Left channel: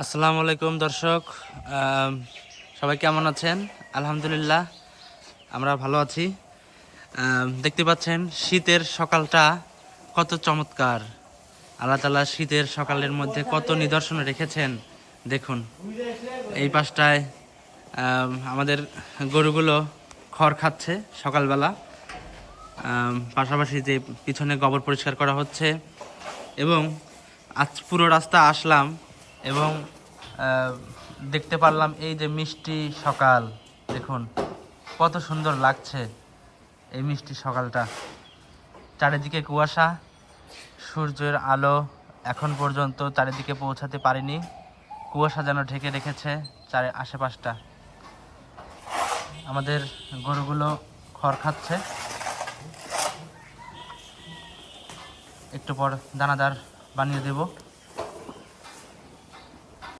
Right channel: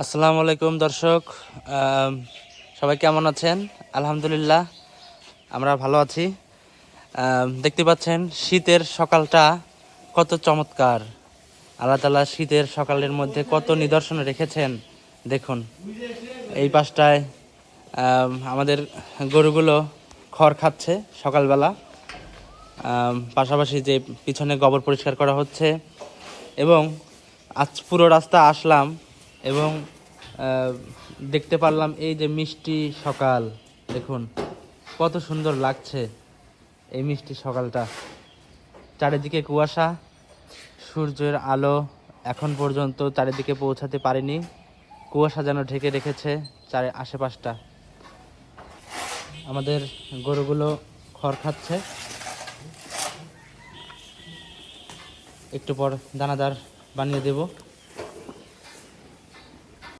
আসসালামু আলাইকুম দর্শক সবাই কেমন আছেন? আলহামদুলিল্লাহ, আমরা ভালো আছি। দেখতে পাচ্ছেন, শীতের সকালটা কত চমৎকার। আল্লাহ তালা শীতের সকালের মধ্যে কত নিদর্শন রেখেছেন। দেখুন, এই পাশটায় আমাদের গরুগুলো খড় খাচ্ছে সকালবেলা। পাশাপাশি যে পিছনে গোবর পরিষ্কার করা হচ্ছে। এবং আজ পুরো রাস্তা আসলাম এবং দেখতে পারলাম এই যে মিষ্টি সকাল। দেখুন, কত সুন্দর লাগছে এই মিষ্টি সকালটা। চারিদিকে কুয়াশা, সূর্যের আলো এখন পর্যন্ত চারিদিকে পৌঁছাতে পারিনি। কুয়াশা যেন ঢেকে রেখেছে চারি আশেপাশটা। আমাদের গরুগুলো খড় খাচ্ছে। একটু পর দানাদার বানিয়ে দেব।